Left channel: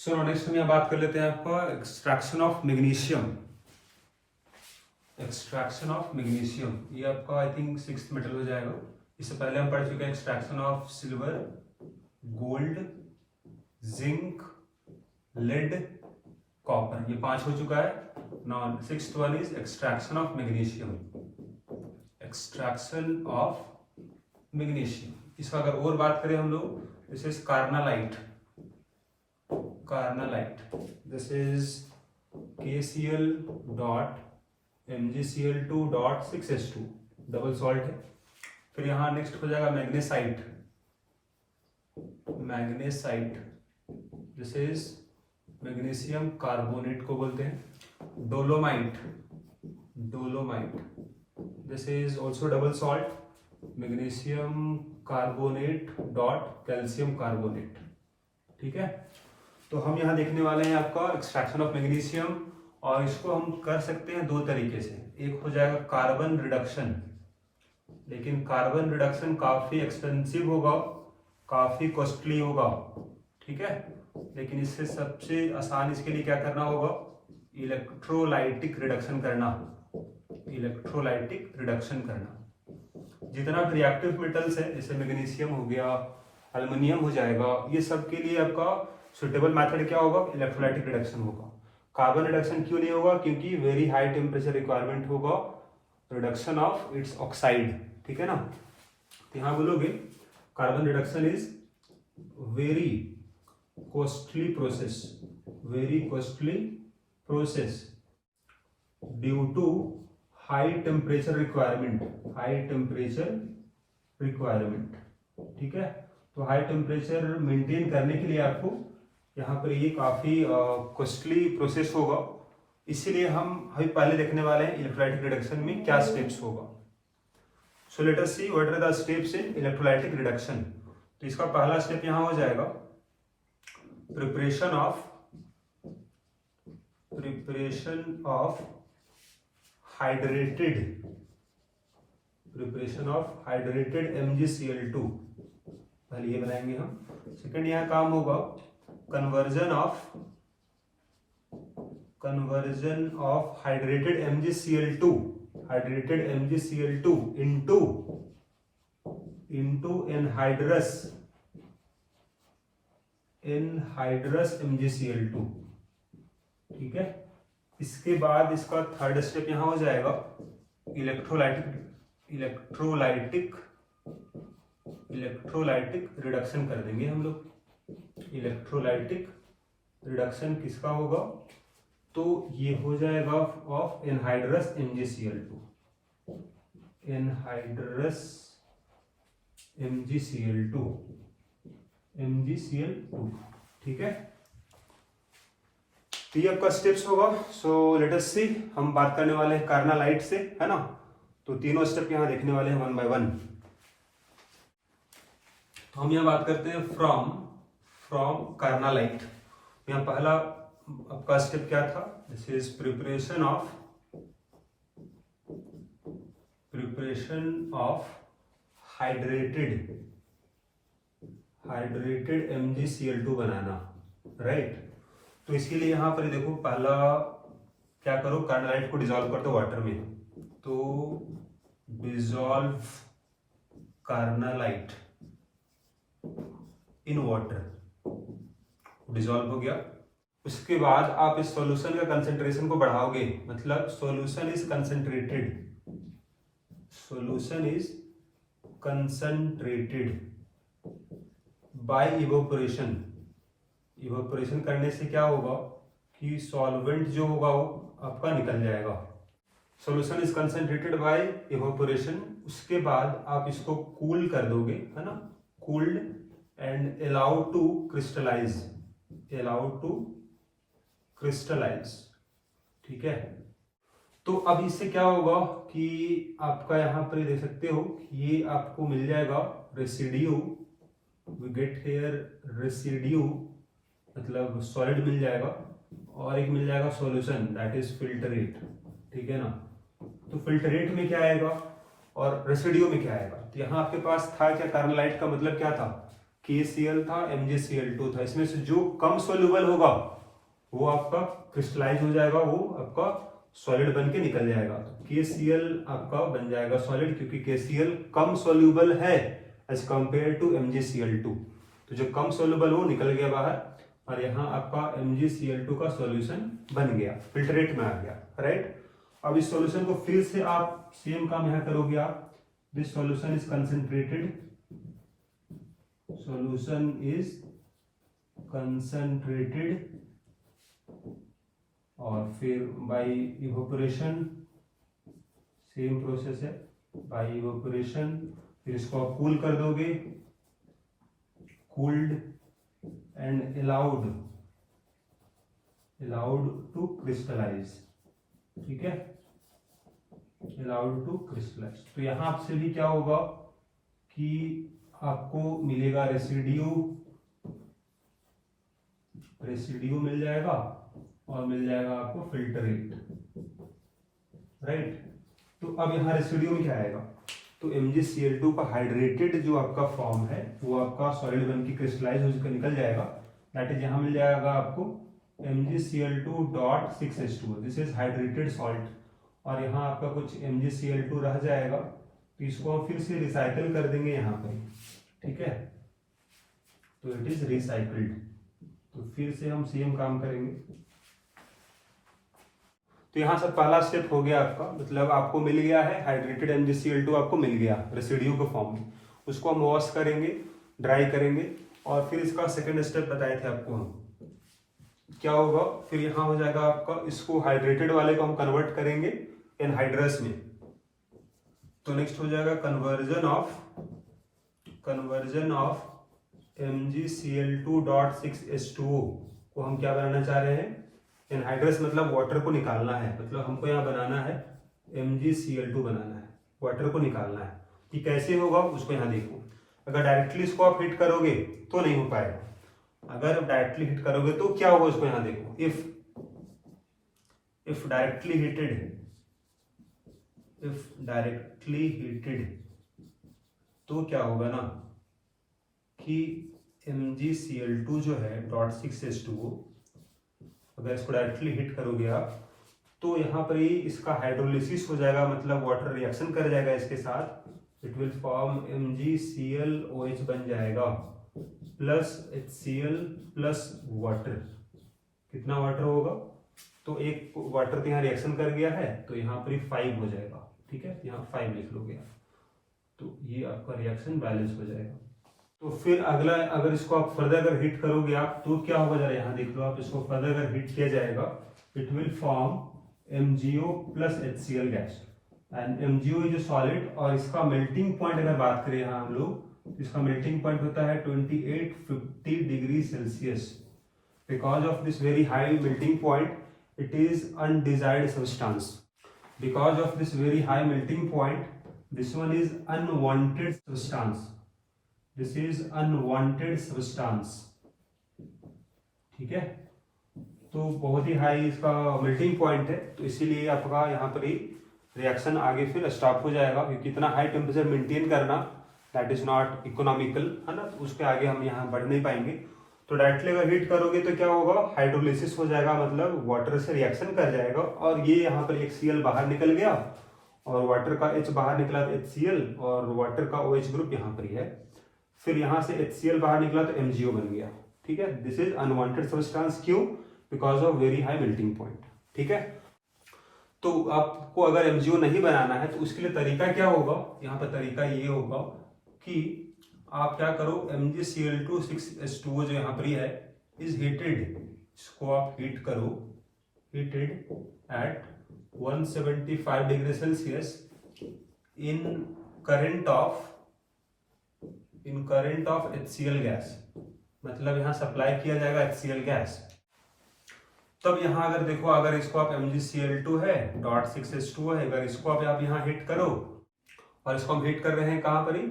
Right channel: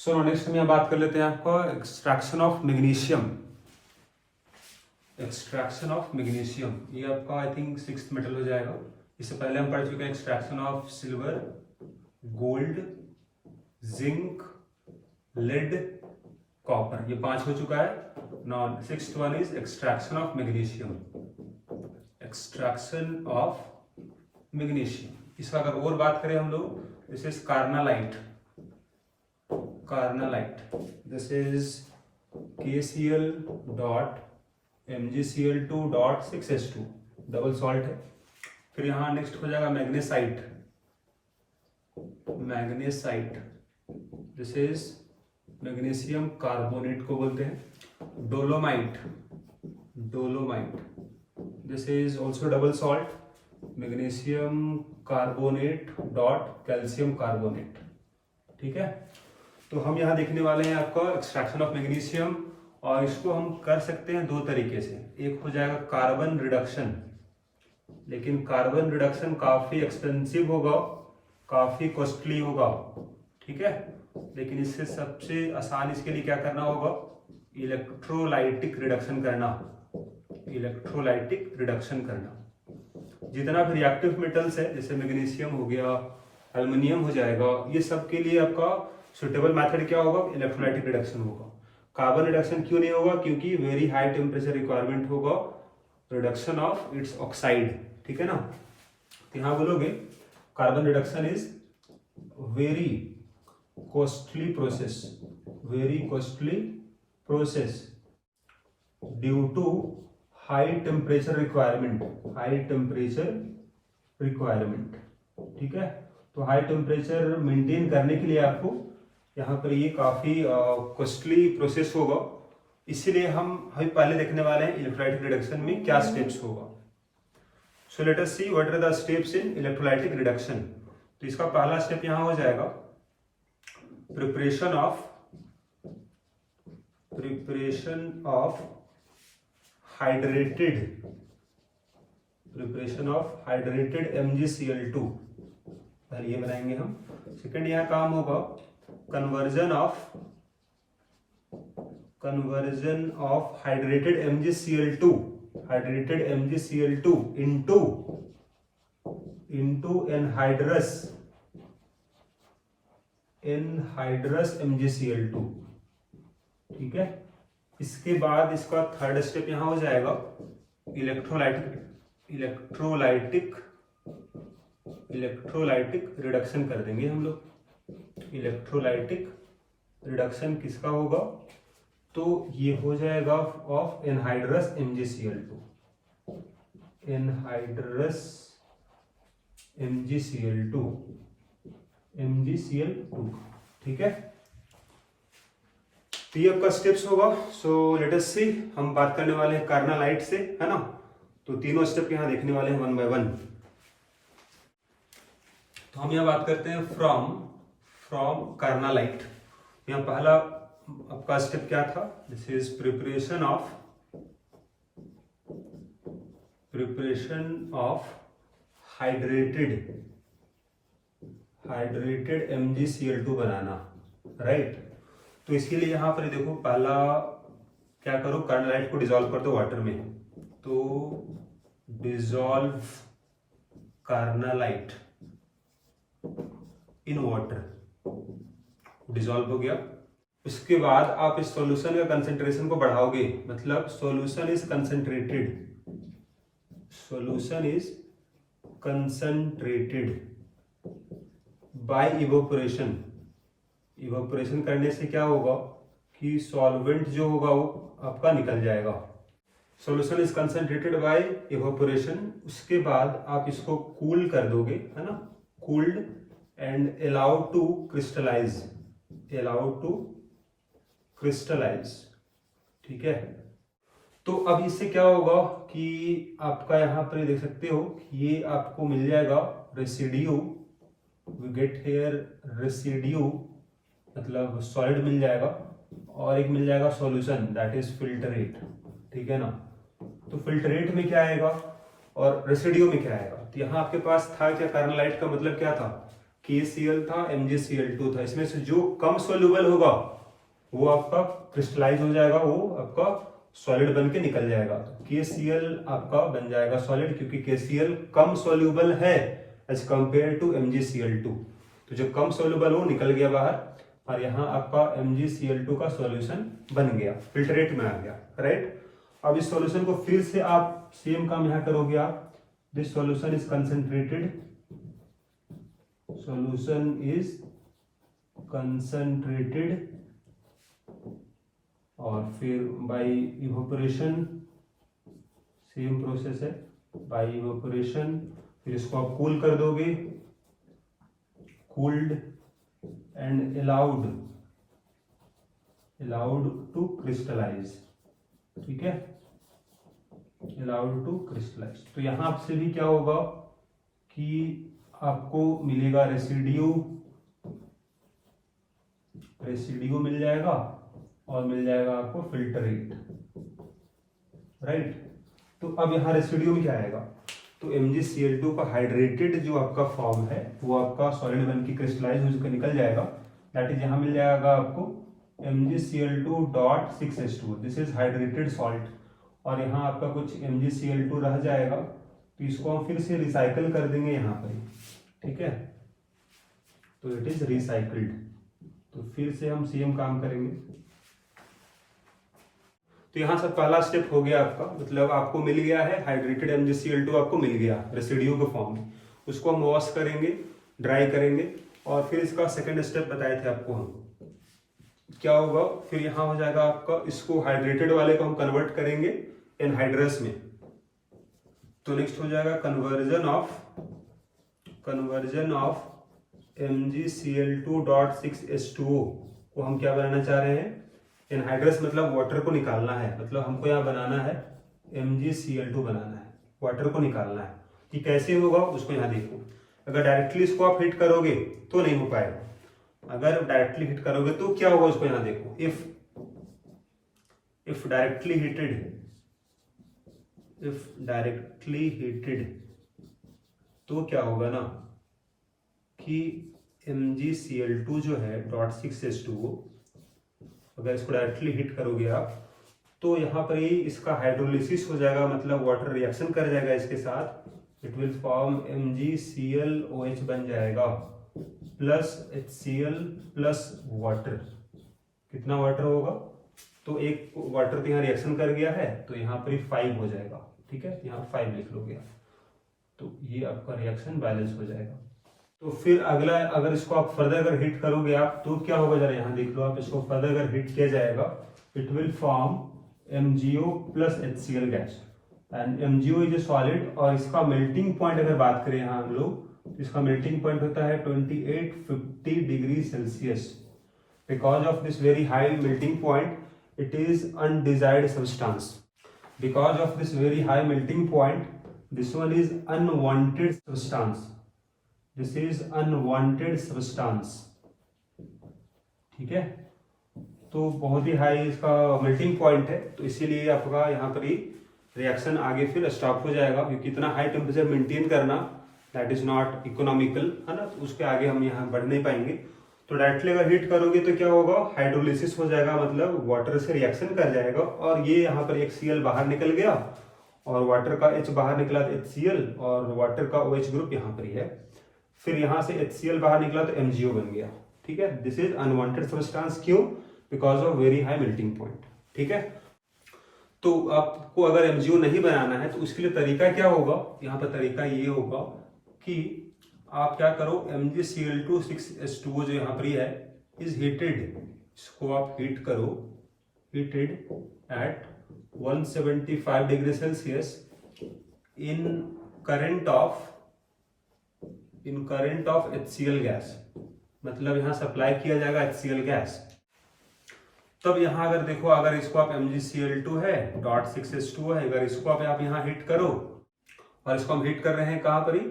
So next हम यहाँ बात कर लेते हैं आपका extraction of magnesium. Extraction of magnesium ये आपका आई थिंक 6th मेटल हो जाएगा। इससे पहले हम पढ़ चुके हैं extraction of silver, gold, zinc, lead, copper, ये 5 हो चुका है। नॉन 6th one is extraction of magnesium. Extraction of magnesium, इसका अगर और बात करें हम लोग, this is carnallite. Carnallite, this is KCl dot MgCl2 dot 6H2, double salt है। फिर यहां नेक्स्ट हो जाएगा magnesite. Magnesite, this is magnesium carbonate को बोलते हैं। Dolomite, dolomite, this is also double salt, magnesium carbonate dot calcium carbonate. ठीक है, तो हम यहाँ देखने वाले हैं आपका एक्सट्रैक्शन ऑफ मैग्नीशियम, और इसको हम कर सकते हैं 2 तरीके से। एक हो जाएगा कार्बन रिडक्शन, लेकिन कार्बन रिडक्शन काफी एक्सपेंसिव होगा, काफी कॉस्टली होगा। ठीक है, लेकिन इससे सबसे आसान इसके लिए क्या करना होगा, इलेक्ट्रोलाइटिक रिडक्शन करना। इलेक्ट्रोलाइटिक रिडक्शन करना। जितना भी रिएक्टिव मेटल्स है, जैसे मैग्नीशियम हो गया, एल्युमिनियम हो जाएगा, ये सब के लिए आपका सुटेबल मेथड क्या होगा, इलेक्ट्रोलाइटिक रिडक्शन होगा। कार्बन रिडक्शन क्यों नहीं होगा, क्योंकि वेरी हाई टेम्परेचर रिक्वायरमेंट होगा रिडक्शन ऑफ इट्स ऑक्साइड। ठीक है ना, तो यहां बोलोगे carbon reduction is very costly process, very costly process due to high temperature requirement, high temperature requirement. ठीक है, तो हाई टेम्परेचर मेंटेन करने के लिए आपको यहाँ पर ये काफी कॉस्टली प्रोसेस होगा। इसीलिए हम अभी पहले देखने वाले हैं इलेक्ट्रोलाइटिक रिडक्शन में क्या स्टेप्स होगा। So let us see what are the steps in electrolytic reduction. तो इसका पहला स्टेप यहाँ हो जाएगा प्रिपरेशन ऑफ हाइड्रेटेड MgCl2, पहले ये बनाएंगे हम। सेकंड यहाँ काम होगा conversion of hydrated MgCl2 into anhydrous MgCl2। ठीक है, इसके बाद इसका थर्ड स्टेप यहां हो जाएगा इलेक्ट्रोलाइटिक रिडक्शन कर देंगे हम लोग। इलेक्ट्रोलाइटिक रिडक्शन किसका होगा, तो ये हो जाएगा of anhydrous MgCl2, anhydrous MgCl2। ठीक है, तो ये आपका स्टेप्स होगा। सो लेट अस सी, हम बात करने वाले हैं कार्नालाइट से, है ना। तो तीनों स्टेप यहाँ देखने वाले हैं 1 by 1। तो हम यहाँ बात करते हैं फ्रॉम कार्नालाइट। यहाँ पहला आपका स्टेप क्या था, this is preparation of hydrated MgCl2 banana, right. तो इसके लिए यहां पर देखो, पहला क्या करो, कार्नालाइट को डिसॉल्व कर दो वाटर में। तो dissolve carnallite in water, dissolve हो गया। उसके बाद आप इस सॉल्यूशन का कंसेंट्रेशन को बढ़ाओगे, मतलब solution is concentrated by evaporation. Evaporation करने से क्या होगा कि सॉल्वेंट जो होगा वो आपका निकल जाएगा। Solution is concentrated by evaporation. उसके बाद आप इसको कूल कर दोगे, है ना, cooled and allow to crystallize. ठीक है, तो अब इससे क्या होगा कि आपका यहाँ पर देख सकते हो, ये आपको मिल जाएगा residue, we get here residue, मतलब सॉलिड मिल जाएगा, और एक मिल जाएगा सॉल्यूशन, दैट इज फिल्टरेट। ठीक है ना, तो फिल्टरेट में क्या आएगा और रेसिड्यू में क्या आएगा। तो यहाँ आपके पास था क्या, कार्नालाइट का मतलब क्या था, KCl था, MgCl2 था। इसमें से जो कम सोल्यूबल होगा वो आपका क्रिस्टलाइज हो जाएगा, वो आपका सॉलिड बन के निकल जाएगा। तो KCl आपका बन जाएगा सॉलिड, क्योंकि KCl कम सोल्यूबल है एज कंपेयर टू MgCl2। तो जो कम सोल्यूबल वो निकल गया बाहर, और यहाँ आपका MgCl2 का सॉल्यूशन बन गया, फिल्ट्रेट में आ गया, राइट। अब इस सॉल्यूशन को फिर से आप सेम काम यहाँ करोगे आप। This solution is concentrated, solution is concentrated, और फिर by evaporation, सेम प्रोसेस है, by evaporation, फिर इसको आप कूल कर दोगे, cooled and allowed to crystallize, ठीक है, allowed to crystallize। तो यहां से भी क्या होगा कि आपको मिलेगा रेसिड्यू मिल जाएगा, और मिल जाएगा आपको फिल्टरेट, राइट। तो अब यहाँ रेसिड्यू में क्या आएगा, तो MgCl2 का हाइड्रेटेड जो आपका फॉर्म है वो आपका सॉलिड बन के क्रिस्टलाइज होकर निकल जाएगा। दैट इज यहाँ मिल जाएगा आपको MgCl2.6H2, this is hydrated salt. और यहाँ आपका कुछ MgCl2 रह जाएगा, तो इसको हम फिर से रिसाइकल कर देंगे यहाँ पर, ठीक है। तो इट इज रिसाइकल्ड। तो फिर से हम सेम काम करेंगे। तो यहाँ से पहला स्टेप हो गया आपका, मतलब आपको मिल गया है हाइड्रेटेड MgCl2, आपको मिल गया रेसिड्यू के फॉर्म में। उसको हम वॉश करेंगे, ड्राई करेंगे, और फिर इसका सेकेंड स्टेप बताए थे आपको हम, क्या होगा फिर यहाँ हो जाएगा आपका, इसको हाइड्रेटेड वाले को हम कन्वर्ट करेंगे एनहाइड्रस में। तो नेक्स्ट हो जाएगा कन्वर्जन ऑफ MgCl2.6H2O को हम क्या बनाना चाह रहे हैं, एनहाइड्रस, मतलब वाटर को निकालना है, मतलब हमको यहाँ बनाना है MgCl2 बनाना है, वाटर को निकालना है। कि कैसे होगा उसको यहाँ देखो। अगर डायरेक्टली इसको आप हिट करोगे तो नहीं हो पाएगा, अगर डायरेक्टली हिट करोगे तो क्या होगा उसको यहाँ देखो। इफ डायरेक्टली हीटेड तो क्या होगा ना कि MgCl2 जो है .6H2O, अगर इसको डायरेक्टली हिट करोगे आप तो यहाँ पर ही इसका हाइड्रोलिसिस हो जाएगा, मतलब वाटर रिएक्शन कर जाएगा इसके साथ, इट विल फॉर्म MgClOH बन जाएगा प्लस HCl प्लस वाटर। कितना वाटर होगा, तो एक वाटर तो यहाँ रिएक्शन कर गया है, तो यहाँ पर ही 5 हो जाएगा, ठीक है, यहाँ 5 लिख लोगे आप, तो ये आपका रिएक्शन बैलेंस हो जाएगा। तो फिर अगला, अगर इसको आप फर्दर अगर हिट करोगे आप तो क्या होगा, जरा यहाँ देख लो आप, इसको फर्दर अगर हिट किया जाएगा it will form MgO plus HCl gas, and MgO is a solid, और इसका मेल्टिंग पॉइंट अगर बात करें यहाँ हम लोग, तो इसका मेल्टिंग पॉइंट होता है 2850 degree Celsius. Because of this very high melting point it is undesired substance. Because of this very high melting point, this one is unwanted substance. This is unwanted substance. ठीक है, तो बहुत ही high इसका melting point है, तो इसीलिए आपका यहाँ पर ही रिएक्शन आगे फिर स्टॉप हो जाएगा, क्योंकि इतना हाई टेम्परेचर मेंटेन करना दैट इज नॉट इकोनॉमिकल, है ना, उस पर आगे हम यहाँ बढ़ नहीं पाएंगे। तो डायरेक्टली अगर हीट करोगे तो क्या होगा, हाइड्रोलिसिस हो जाएगा, मतलब वाटर से रिएक्शन कर जाएगा, और ये यहाँ पर एक Cl बाहर निकल गया और वाटर का H बाहर निकला तो HCl, और वाटर का OH ग्रुप यहाँ पर ही है, फिर यहाँ से HCl बाहर निकला तो MgO बन गया, ठीक है। दिस इज अनवांटेड सब्सटेंस, क्यों, because of very high melting point, ठीक है। तो आपको अगर MgO नहीं बनाना है तो उसके लिए तरीका क्या होगा, यहाँ पर तरीका ये होगा कि आप क्या करो, MgCl2.6H2O जो यहाँ पर है इज हीटेड, इसको आप हीट करो, heated at 175 degree Celsius in current of HCl gas, मतलब यहाँ सप्लाई किया जाएगा HCl गैस। तब यहाँ अगर देखो, अगर इसको आप MgCl2 है .6H2O है, अगर इसको आप यहाँ हिट करो, और इसको हम हिट कर रहे हैं कहाँ पर ही,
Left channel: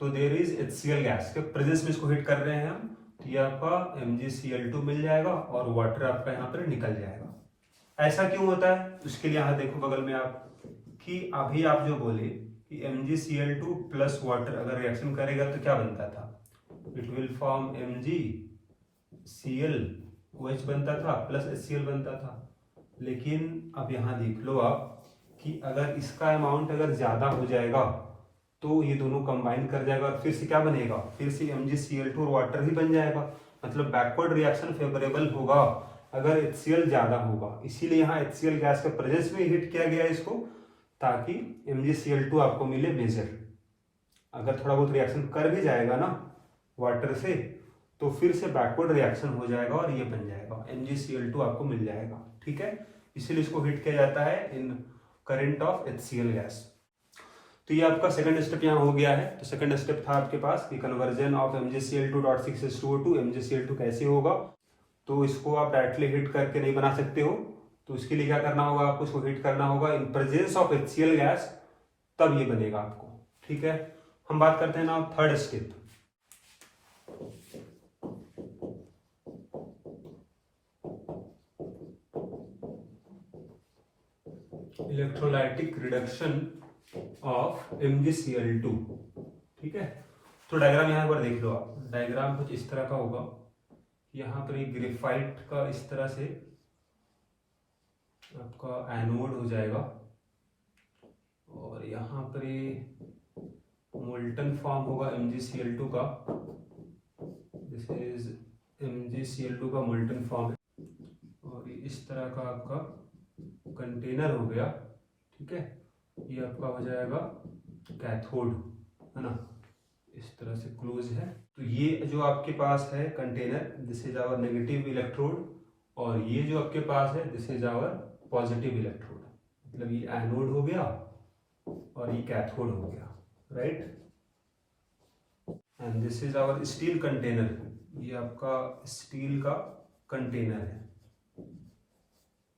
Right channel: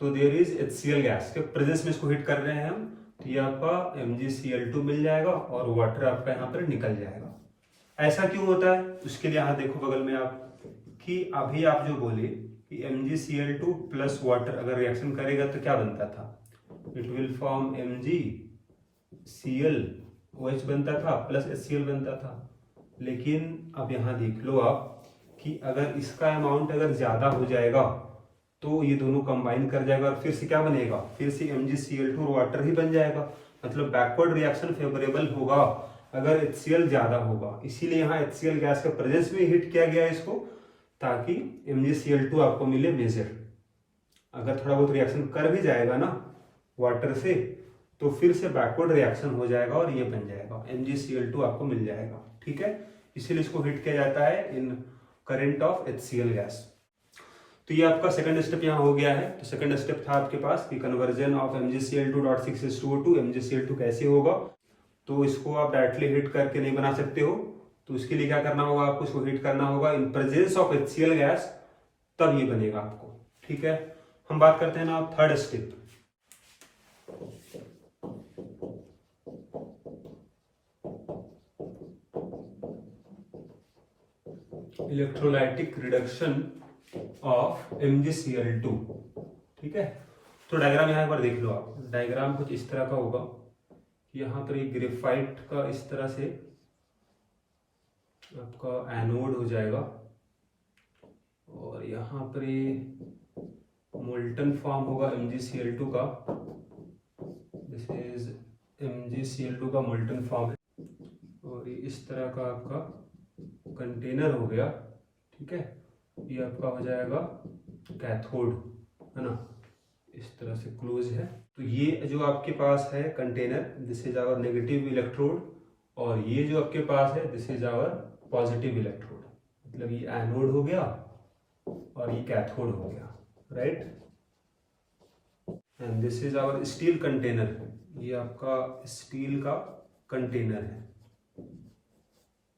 तो देयर इज HCl गैस के प्रेजेंस में इसको हिट कर रहे हैं हम, तो ये आपका MgCl2 मिल जाएगा और वाटर आपका यहाँ पर निकल जाएगा। ऐसा क्यों होता है, उसके लिए यहाँ देखो बगल में आप, कि अभी आप जो बोले कि MgCl2 प्लस वाटर अगर रिएक्शन करेगा तो क्या बनता था, इट विल फॉर्म MgClOH बनता था प्लस HCl बनता था। लेकिन अब यहाँ देख लो आप कि अगर इसका अमाउंट अगर ज़्यादा हो जाएगा तो ये दोनों कंबाइन कर जाएगा और फिर से क्या बनेगा, फिर से MgCl2 और वाटर ही बन जाएगा। मतलब बैकवर्ड रिएक्शन फेवरेबल होगा अगर HCl ज़्यादा होगा। इसीलिए यहाँ HCl गैस का प्रेजेंस में हीट किया गया इसको, ताकि MgCl2 आपको मिले मेजर। अगर थोड़ा बहुत रिएक्शन कर भी जाएगा ना वाटर से तो फिर से बैकवर्ड रिएक्शन हो जाएगा और ये बन जाएगा MgCl2 आपको मिल जाएगा। ठीक है, इसीलिए इसको हीट किया जाता है इन करंट ऑफ HCl गैस। तो ये आपका सेकंड स्टेप यहाँ हो गया है। तो सेकंड स्टेप था आपके पास कि कन्वर्जन ऑफ MgCl2.6H2O2 MgCl2 कैसे होगा। तो इसको आप डायरेक्टली हीट करके नहीं बना सकते हो, तो इसके लिए क्या करना होगा, आपको इसको हीट करना होगा in presence of HCl gas, तब ये बनेगा आपको। ठीक है, हम बात करते हैं ना third step. Electrolytic reduction of MgCl2। ठीक है, तो डायग्राम यहाँ एक बार देख लो आप। डायग्राम कुछ इस तरह का होगा, यहाँ पर एक ग्रेफाइट का इस तरह से आपका एनोड हो जाएगा और यहाँ पर ये मोल्टन फॉर्म होगा MgCl2 का। दिस इज MgCl2 का मोल्टन फॉर्म है और ये इस तरह का आपका कंटेनर हो गया। ठीक है, ये आपका हो जाएगा कैथोड, है ना, इस तरह से क्लोज है। तो ये जो आपके पास है container, this is our negative electrode, और ये जो आपके पास है this is our positive electrode. मतलब ये एनोड हो गया और ये कैथोड हो गया, right. And this is our steel container, ये आपका स्टील का कंटेनर है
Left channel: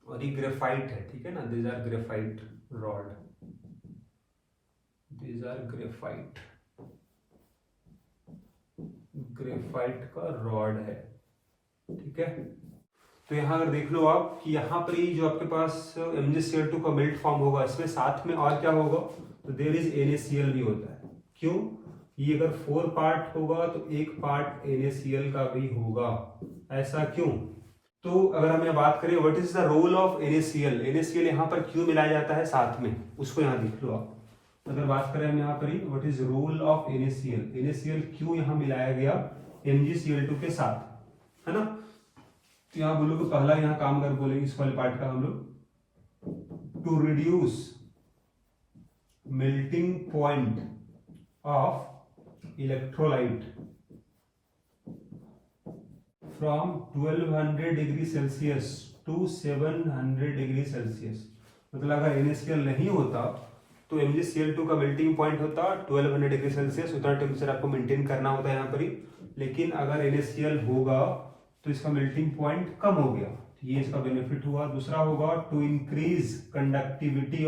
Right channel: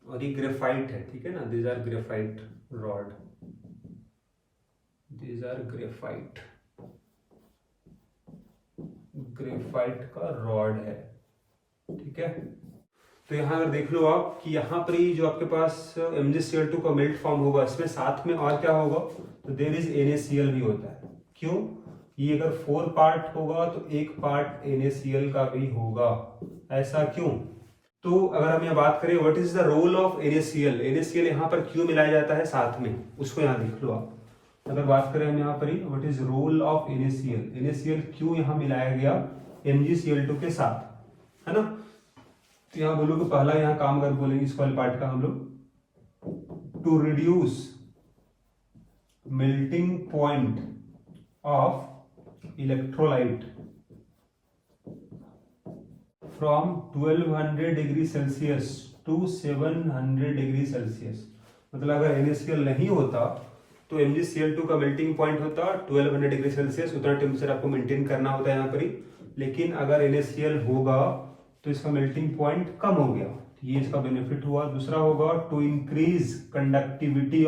और ये ग्रेफाइट है। ठीक है ना, these are graphite rod, these are graphite का रॉड है। ठीक है, तो यहाँ अगर देख लो आप कि यहाँ पर ही जो आपके पास MgCl2 का मेल्ट फॉर्म होगा, इसमें साथ में और क्या होगा, तो देयर इज NaCl भी होता है। क्यों, ये अगर 4 पार्ट होगा तो एक पार्ट NaCl का भी होगा। ऐसा क्यों, तो अगर हम यहाँ बात करें what is the role of NaCl यहाँ पर क्यों मिलाया जाता है साथ में, उसको यहाँ देख लो आप। अगर बात करें हम यहाँ पर ही what is role of NaCl क्यों यहाँ मिलाया गया MgCl2 के साथ, है ना। तो यहाँ बोलो कि पहला यहाँ काम अगर बोलेंगे इस वाले पार्ट का हम लोग, to reduce melting point of electrolyte from 1200 degree Celsius to 700 degree Celsius. मतलब अगर NaCl नहीं होता तो MgCl2 का मेल्टिंग पॉइंट होता 1200 डिग्री सेल्सियस, उतना टेम्परेचर आपको मेंटेन करना होता है यहाँ पर ही। लेकिन अगर NaCl होगा तो इसका मेल्टिंग पॉइंट कम हो गया, ये इसका बेनिफिट हुआ। दूसरा होगा to increase conductivity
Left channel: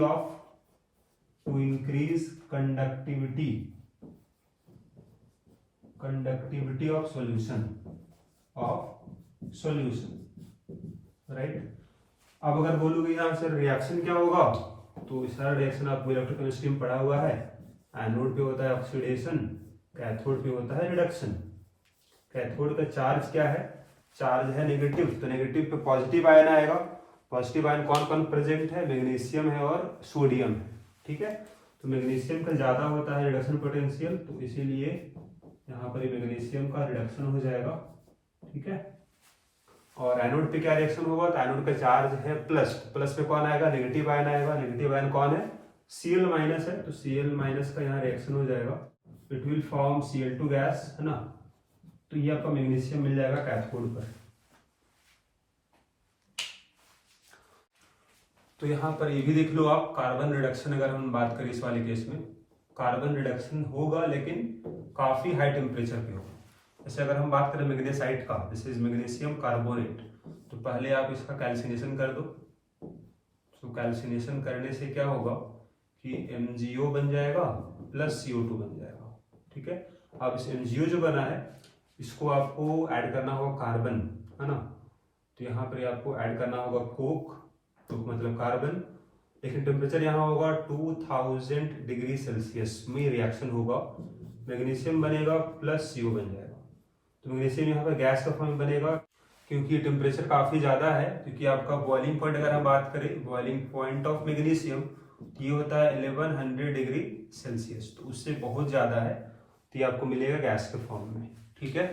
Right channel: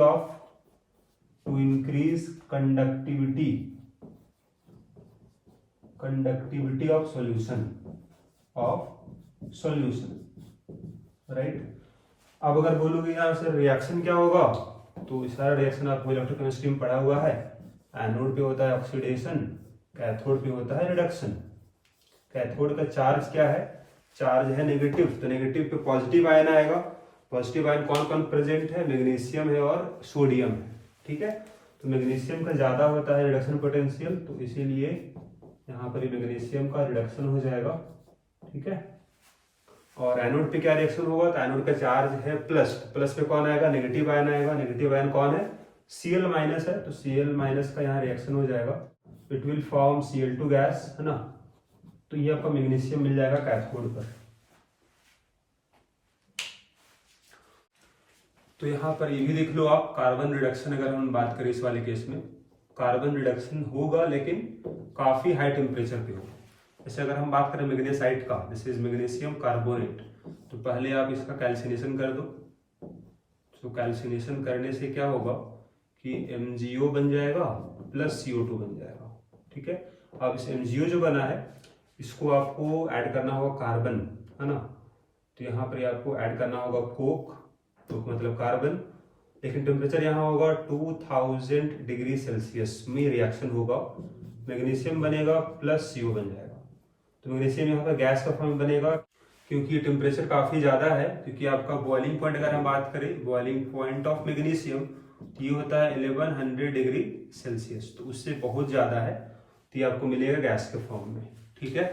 of solution, right. अब अगर बोलोगे यहाँ से रिएक्शन क्या होगा, तो सारा रिएक्शन आपको इलेक्ट्रोकेमिस्ट्री में पढ़ा हुआ है। एनोड पे होता है ऑक्सीडेशन, कैथोड पे होता है रिडक्शन। कैथोड का चार्ज क्या है, चार्ज है नेगेटिव, तो नेगेटिव पे पॉजिटिव आयन आएगा। पॉजिटिव आयन कौन कौन प्रेजेंट है, मैग्नीशियम है और सोडियम है। ठीक है, तो मैग्नीशियम का ज्यादा होता है रिडक्शन पोटेंशियल, तो इसीलिए यहाँ पर मैग्नीशियम का रिडक्शन हो जाएगा। ठीक है, और एनोड पे क्या रिएक्शन होगा, तो एनोड का चार्ज है प्लस, प्लस पे कौन आएगा, नेगेटिव आयन आएगा। नेगेटिव आयन कौन है, Cl माइनस है, तो Cl माइनस का यहाँ रिएक्शन हो जाएगा, it will form Cl2 gas, है ना। तो ये आपका मैग्नीशियम मिल जाएगा कैथोड पर। तो यहाँ पर ये भी देख लो आप, कार्बन रिडक्शन अगर हम बात करें इस वाले केस में, कार्बन रिडक्शन होगा लेकिन काफी हाई टेम्परेचर पे होगा। जैसे अगर हम बात करें मैग्नेसाइट का, दिस इज मैग्नीशियम कार्बोनेट, तो पहले आप इसका कैल्सिनेशन कर दो। तो कैल्सिनेशन करने से क्या होगा कि MgO बन जाएगा प्लस CO2 बन जाएगा। ठीक है, अब इस MgO जो बना है इसको आपको ऐड करना होगा कार्बन, है ना। तो यहाँ पर आपको ऐड करना होगा कोक, तो मतलब कार्बन, लेकिन टेम्परेचर यहाँ होगा 2000 डिग्री सेल्सियस में रिएक्शन होगा। मैग्नीशियम बनेगा प्लस CO बन जाएगा। तो मैग्नीशियम यहाँ पर गैस का फॉर्म में बनेगा, क्योंकि टेम्परेचर काफ़ी ज़्यादा है। क्योंकि आपका बॉइलिंग पॉइंट अगर हम बात करें, बॉइलिंग पॉइंट ऑफ मैग्नीशियम, ये होता है 1100 डिग्री सेल्सियस, तो उससे बहुत ज़्यादा है, तो ये आपको मिलेगा गैस के फॉर्म में। ठीक है।